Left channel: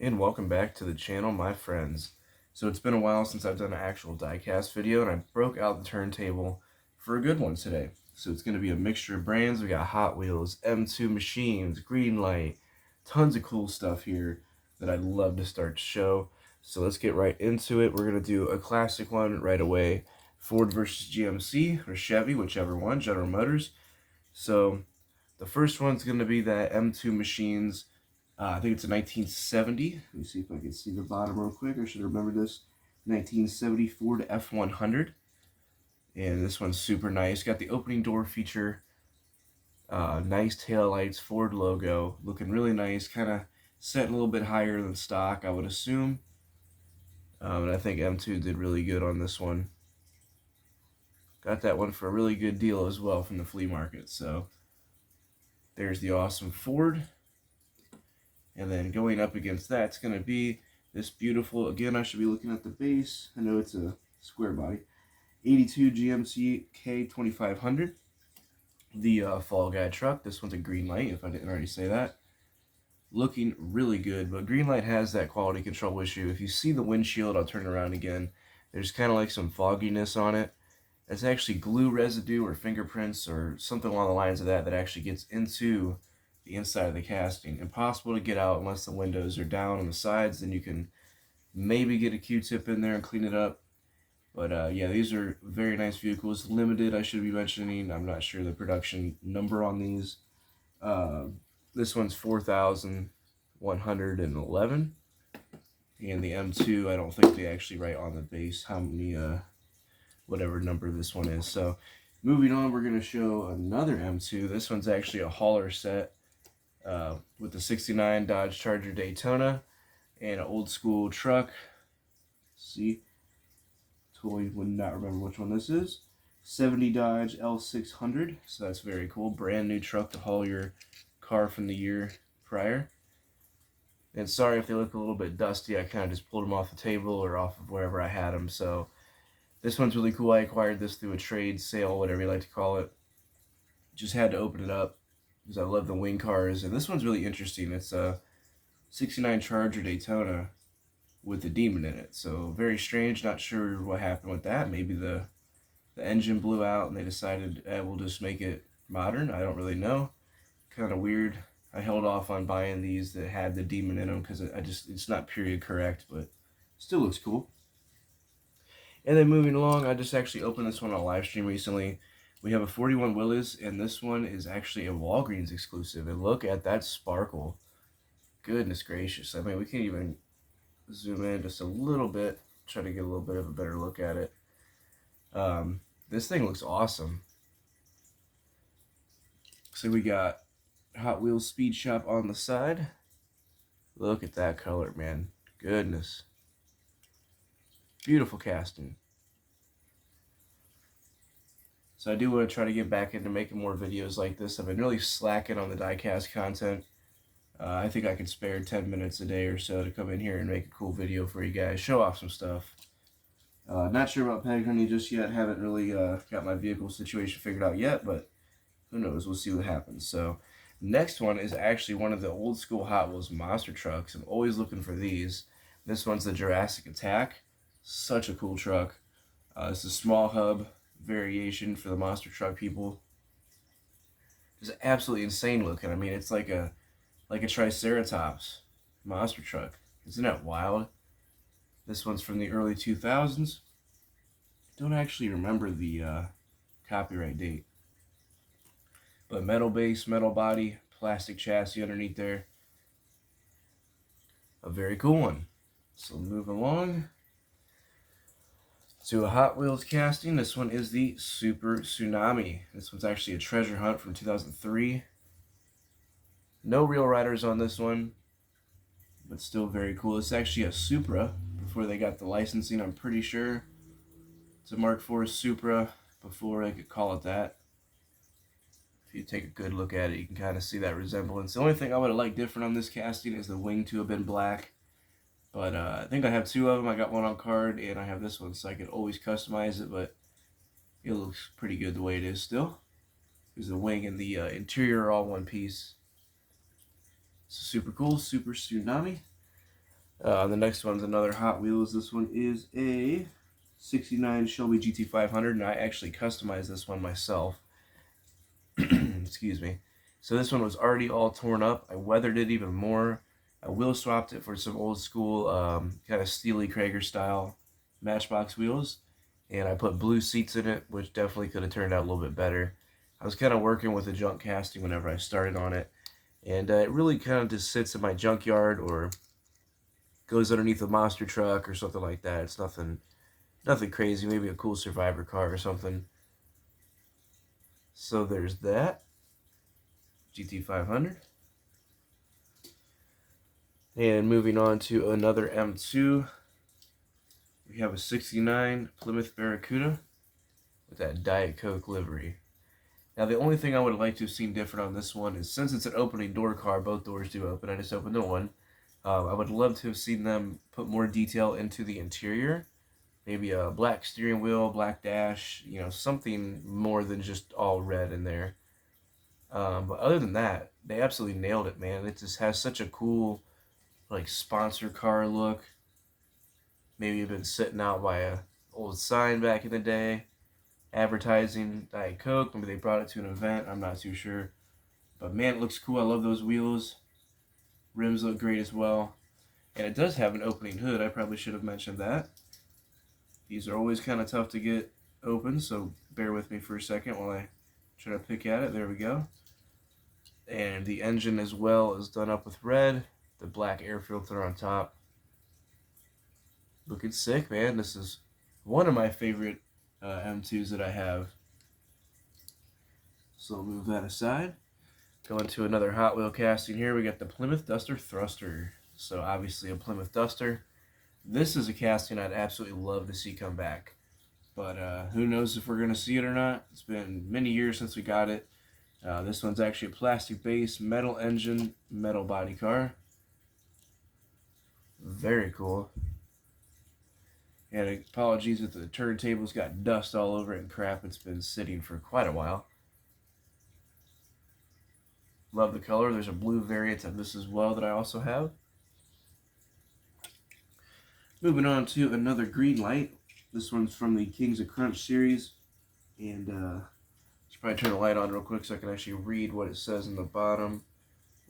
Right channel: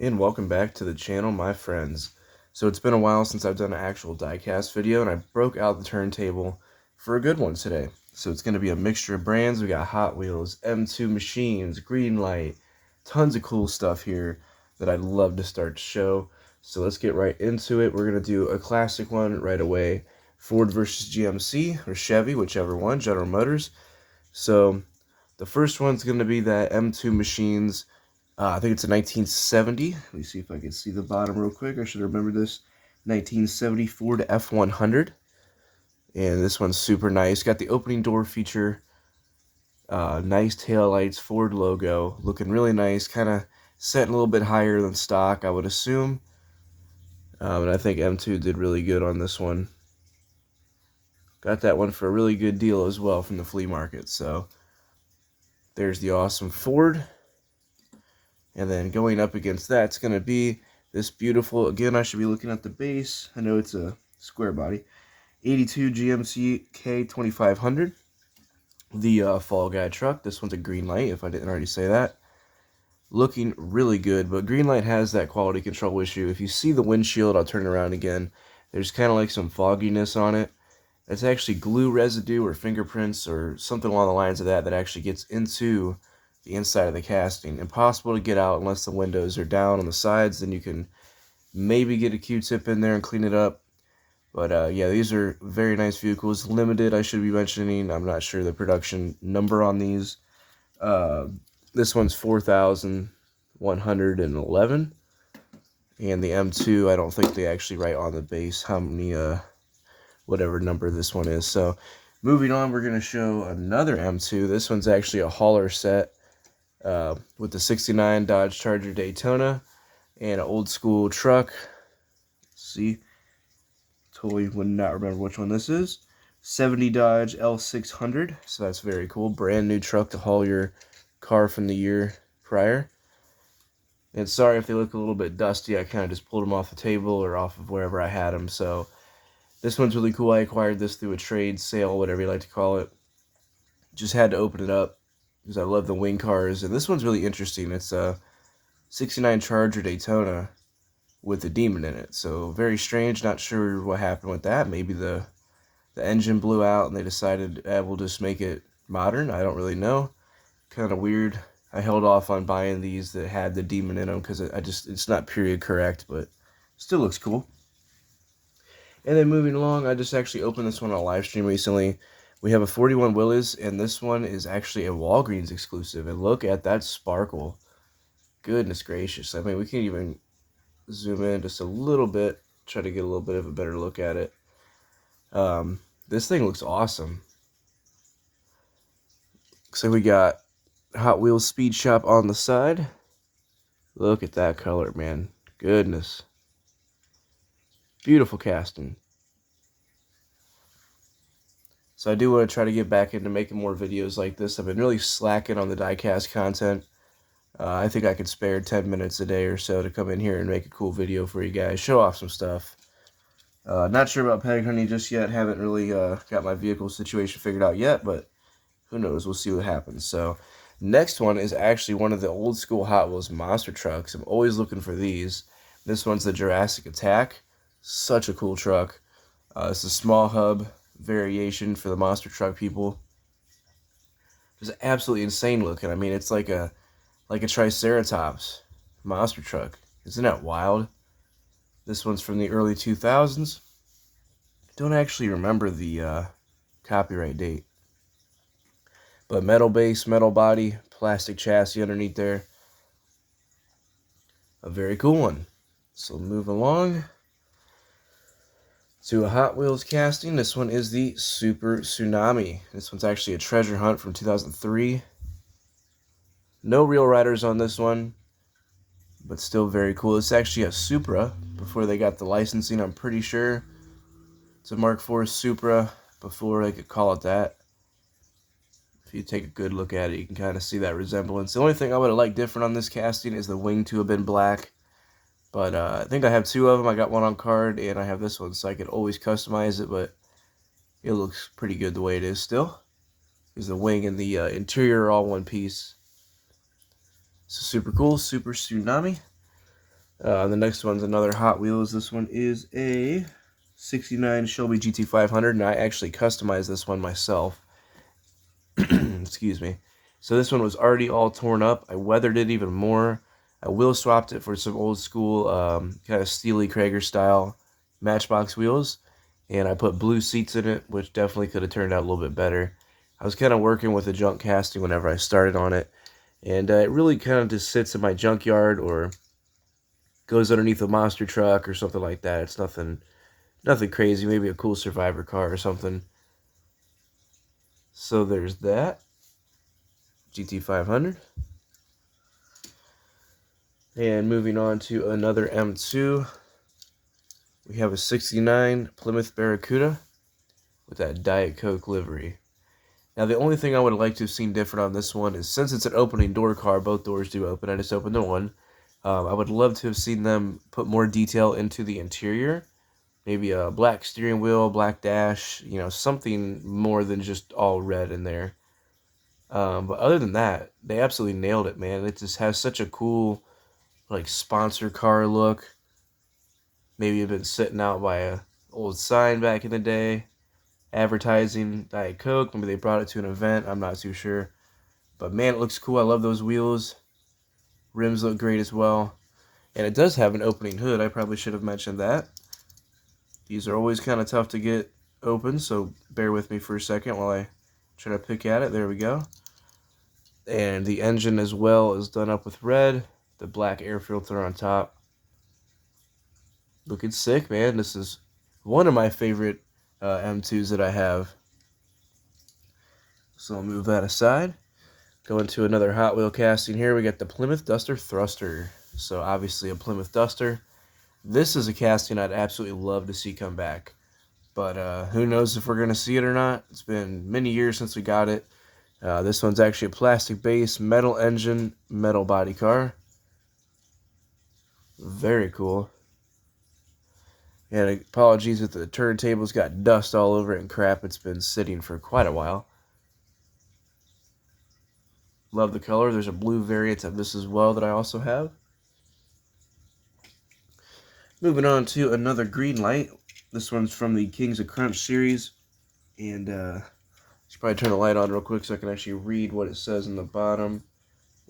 And welcome back to the channel, my friends. So it's been a while since I've done an actual diecast video, and I broke out the turntable for a good one today. So it's going to be a mixture of brands. We got Hot Wheels, M2 machines, Greenlight, tons of cool stuff here that I'd love to start to show. So let's get right into it. We're going to do a classic one right away. Ford versus GMC, or Chevy, whichever one, General Motors. So the first one's going to be that M2 machines. I think it's a 1970. Let me see if I can see the bottom real quick. I should remember this. 1970 Ford F100. And this one's super nice. Got the opening door feature. Nice tail lights, Ford logo. Looking really nice. Kind of set a little bit higher than stock, I would assume. And I think M2 did really good on this one. Got that one for a really good deal as well from the flea market. So there's the awesome Ford. And then going up against that, it's going to be this beautiful, again, I should be looking at the base. I know it's a square body. 82 GMC K2500. The Fall Guy truck. This one's a Greenlight, if I didn't already say that. Looking really good, but Greenlight has that quality control issue. If you see the windshield, I'll turn it around again. There's kind of like some fogginess on it. It's actually glue residue or fingerprints or something along the lines of that actually gets into the inside of the casting. Impossible to get out unless the windows are down on the sides. Then you can maybe get a Q-tip in there and clean it up. But yeah, these are very nice vehicles. Limited, I should be mentioning. I'm not sure the production number on these. This one's 4,111. And the M2, I don't think they actually write on the base how many, whatever number this one is. So moving on, we're going to show another M2. This one's actually a hauler set. With the 69 Dodge Charger Daytona and an old school truck. See, totally would not remember which one this is. 70 Dodge L600, so that's very cool. Brand new truck to haul your car from the year prior. And sorry if they look a little bit dusty, I kind of just pulled them off the table or off of wherever I had them. So this one's really cool. I acquired this through a trade sale, whatever you like to call it. Just had to open it up because I love the wing cars. And this one's really interesting. It's a 69 Charger Daytona with the Demon in it. So very strange. Not sure what happened with that. Maybe the engine blew out and they decided we'll just make it modern. I don't really know. Kind of weird. I held off on buying these that had the Demon in them because it's not period correct, but still looks cool. And then moving along, I just actually opened this one on a live stream recently. We have a 41 Willys, and this one is actually a Walgreens exclusive. And look at that sparkle. Goodness gracious. I mean, we can even zoom in just a little bit, try to get a little bit of a better look at it. This thing looks awesome. Looks like we got Hot Wheels Speed Shop on the side. Look at that color, man. Goodness. Beautiful casting. So I do want to try to get back into making more videos like this. I've been really slacking on the diecast content. I think I could spare 10 minutes a day or so to come in here and make a cool video for you guys. Show off some stuff. Not sure about peg hunting just yet. Haven't really got my vehicle situation figured out yet, but who knows? We'll see what happens. So next one is actually one of the old school Hot Wheels monster trucks. I'm always looking for these. This one's the Jurassic Attack. Such a cool truck. It's a small hub variation for the monster truck people. Just absolutely insane looking. I mean, it's like a Triceratops monster truck. Isn't that wild? This one's from the early 2000s. Don't actually remember the copyright date. But metal base, metal body, plastic chassis underneath there. A very cool one. So move along to a Hot Wheels casting. This one is the Super Tsunami. This one's actually a treasure hunt from 2003. No real riders on this one, but still very cool. It's actually a Supra before they got the licensing, I'm pretty sure. It's a Mark IV Supra before they could call it that. If you take a good look at it, you can kind of see that resemblance. The only thing I would have liked different on this casting is the wing to have been black. But I think I have two of them. I got one on card, and I have this one, so I could always customize it, but it looks pretty good the way it is still. Because the wing and the interior are all one piece. So super cool, Super Tsunami. The next one's another Hot Wheels. This one is a 69 Shelby GT500, and I actually customized this one myself. Excuse me. So this one was already all torn up. I weathered it even more. I wheel swapped it for some old school kind of Steely Krager style Matchbox wheels, and I put blue seats in it, which definitely could have turned out a little bit better. I was kind of working with a junk casting whenever I started on it, and it really kind of just sits in my junkyard or goes underneath a monster truck or something like that. It's nothing crazy, maybe a cool survivor car or something. So there's that GT500. And moving on to another M2, we have a 69 Plymouth Barracuda with that Diet Coke livery. Now, the only thing I would have liked to have seen different on this one is, since it's an opening door car, both doors do open, I just opened the one. I would love to have seen them put more detail into the interior. Maybe a black steering wheel, black dash, you know, something more than just all red in there. But other than that, they absolutely nailed it, man. It just has such a cool, like, sponsor car look. Maybe you've been sitting out by a old sign back in the day, advertising Diet Coke. Maybe they brought it to an event. I'm not too sure. But man, it looks cool. I love those wheels. Rims look great as well. And it does have an opening hood. I probably should have mentioned that. These are always kind of tough to get open, so bear with me for a second while I try to pick at it. There we go. And the engine as well is done up with red. The black air filter on top. Looking sick, man. This is one of my favorite M2s that I have. So I'll move that aside. Go into another Hot Wheel casting here. We got the Plymouth Duster Thruster. So obviously a Plymouth Duster. This is a casting I'd absolutely love to see come back. But who knows if we're going to see it or not. It's been many years since we got it. This one's actually a plastic base, metal engine, metal body car. Very cool. And apologies if the turntable's got dust all over it and crap. It's been sitting for quite a while. Love the color. There's a blue variant of this as well that I also have. Moving on to another Greenlight. This one's from the Kings of Crunch series. And I should probably turn the light on real quick so I can actually read what it says in the bottom.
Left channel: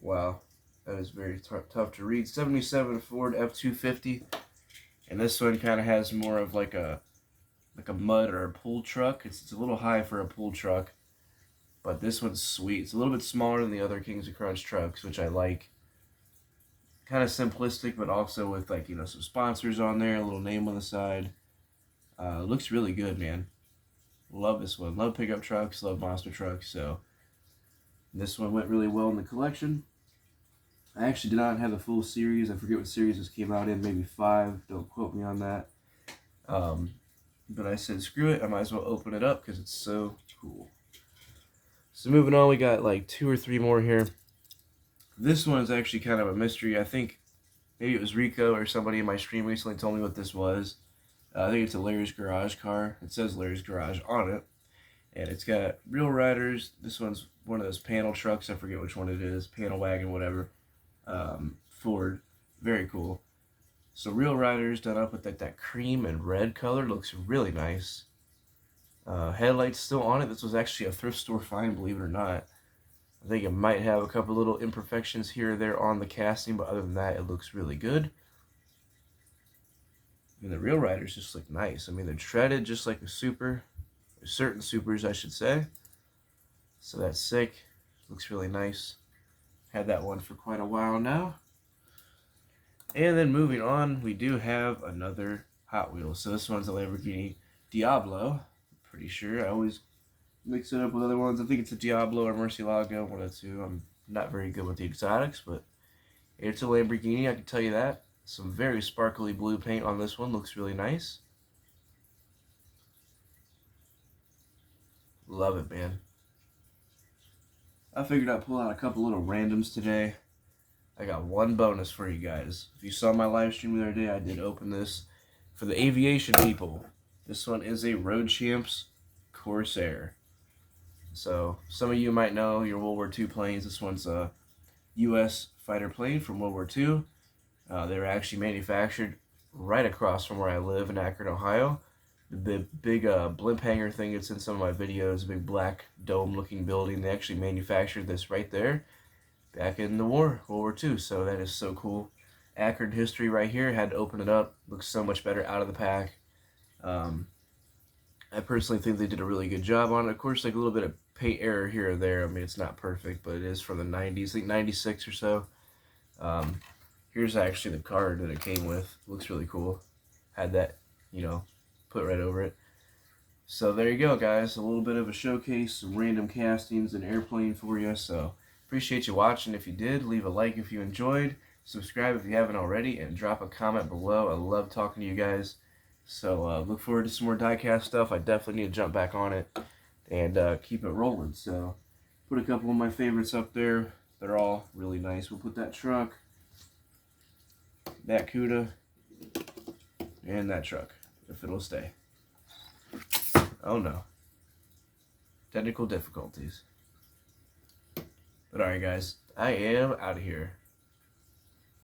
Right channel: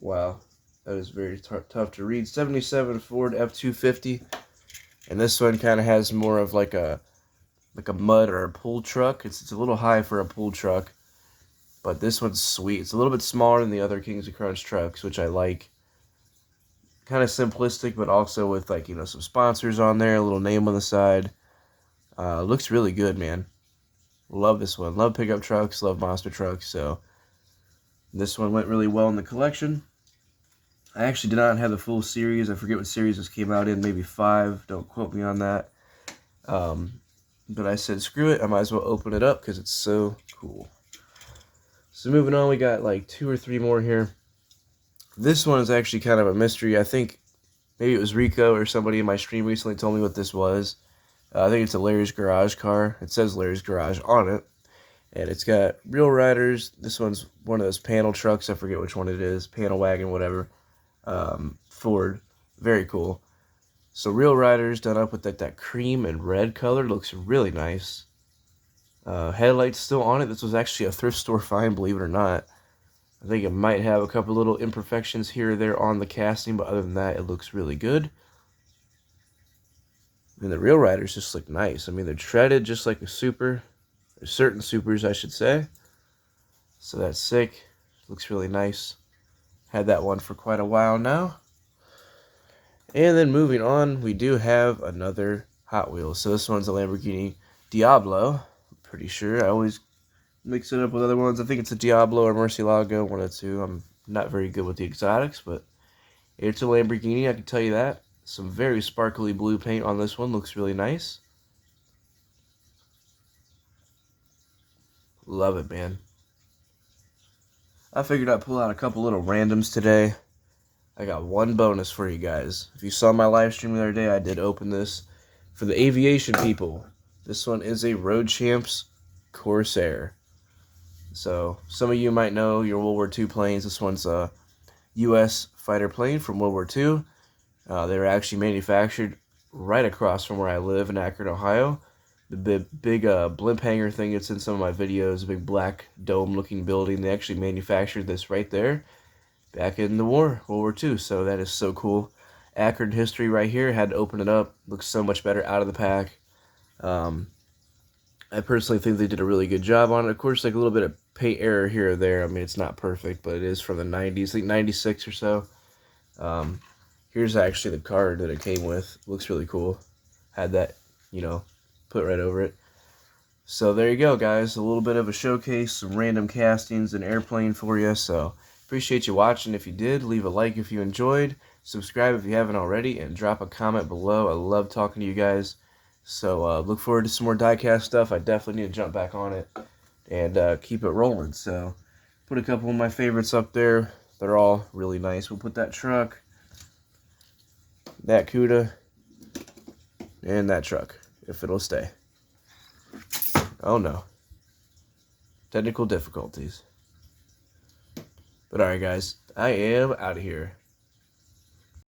Wow, that is very tough to read. 77 Ford F-250. And this one kind of has more of like a mud or a pull truck. It's a little high for a pull truck. But this one's sweet. It's a little bit smaller than the other Kings of Crunch trucks, which I like. Kind of simplistic, but also with, like, you know, some sponsors on there, a little name on the side. Looks really good, man. Love this one. Love pickup trucks, love monster trucks, so this one went really well in the collection. I actually did not have the full series. I forget what series this came out in, maybe 5. Don't quote me on that. But I said, screw it, I might as well open it up because it's so cool. So moving on, we got like 2 or 3 more here. This one is actually kind of a mystery. I think maybe it was Rico or somebody in my stream recently told me what this was. I think it's a Larry's Garage car. It says Larry's Garage on it. And it's got real riders. This one's one of those panel trucks. I forget which one it is. Panel wagon, whatever. Ford. Very cool. So real riders done up with that cream and red color. Looks really nice. Headlights still on it. This was actually a thrift store find, believe it or not. I think it might have a couple little imperfections here or there on the casting, but other than that, it looks really good. And the real riders just look nice. I mean, they're treaded just like a Super. There's certain Supers, I should say. So that's sick. Looks really nice. Had that one for quite a while now. And then moving on, we do have another Hot Wheels. So this one's a Lamborghini Diablo. I'm pretty sure. I always mix it up with other ones. I think it's a Diablo or Murcielago, one of the two. I'm not very good with the exotics, but it's a Lamborghini, I can tell you that. Some very sparkly blue paint on this one. Looks really nice. Love it, man. I figured I'd pull out a couple little randoms today. I got one bonus for you guys. If you saw my live stream the other day, I did open this for the aviation people. This one is a Road Champs Corsair. So some of you might know your World War II planes. This one's a U.S. fighter plane from World War II. They were actually manufactured right across from where I live in Akron, Ohio. The big blimp hanger thing that's in some of my videos, a big black dome-looking building, they actually manufactured this right there back in the war, World War II. So that is so cool. Akron history right here. Had to open it up. Looks so much better out of the pack. I personally think they did a really good job on it. Of course, like a little bit of paint error here or there. I mean, it's not perfect, but it is from the 90s, like 96 or so. Here's actually the card that it came with. Looks really cool. Had that, put right over it. So there you go, guys. A little bit of a showcase, some random castings and airplane for you. So appreciate you watching. If you did, leave a like if you enjoyed. Subscribe if you haven't already, and drop a comment below. I love talking to you guys. So look forward to some more diecast stuff. I definitely need to jump back on it and keep it rolling. So put a couple of my favorites up there. They're all really nice. We'll put that truck, that CUDA, and that truck, if it'll stay. Oh no. Technical difficulties. But alright guys, I am out of here.